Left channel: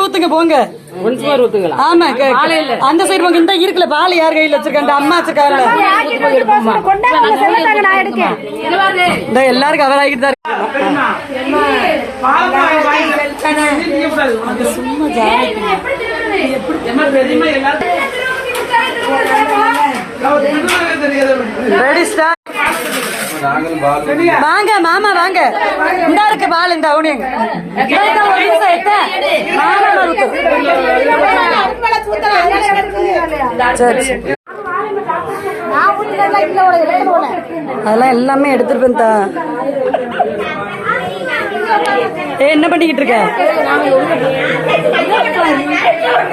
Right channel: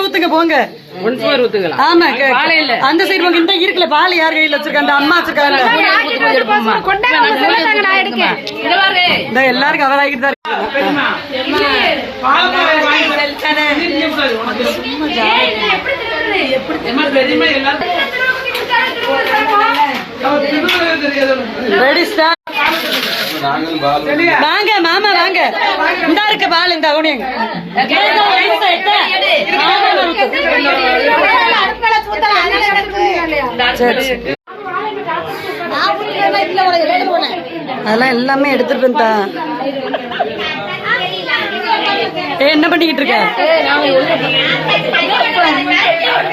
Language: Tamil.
ஊத்துங்க போங்க. ஆமா அந்த சைடு போங்க. இந்த இருக்குல்ல பால் யார் கையில வச்சிருக்காங்க? அம்மா வச்சிருக்காங்க. எல்லாரும் கவர் ஆகிட்டு தான் வாங்க மாமா வாங்க. இந்த இருக்கு பால். இந்த உனியங்க அதெல்லாம் எல்லாமே எடுத்துட்டு வந்தா. என்ன பண்ணிக்கிட்டு இருக்க?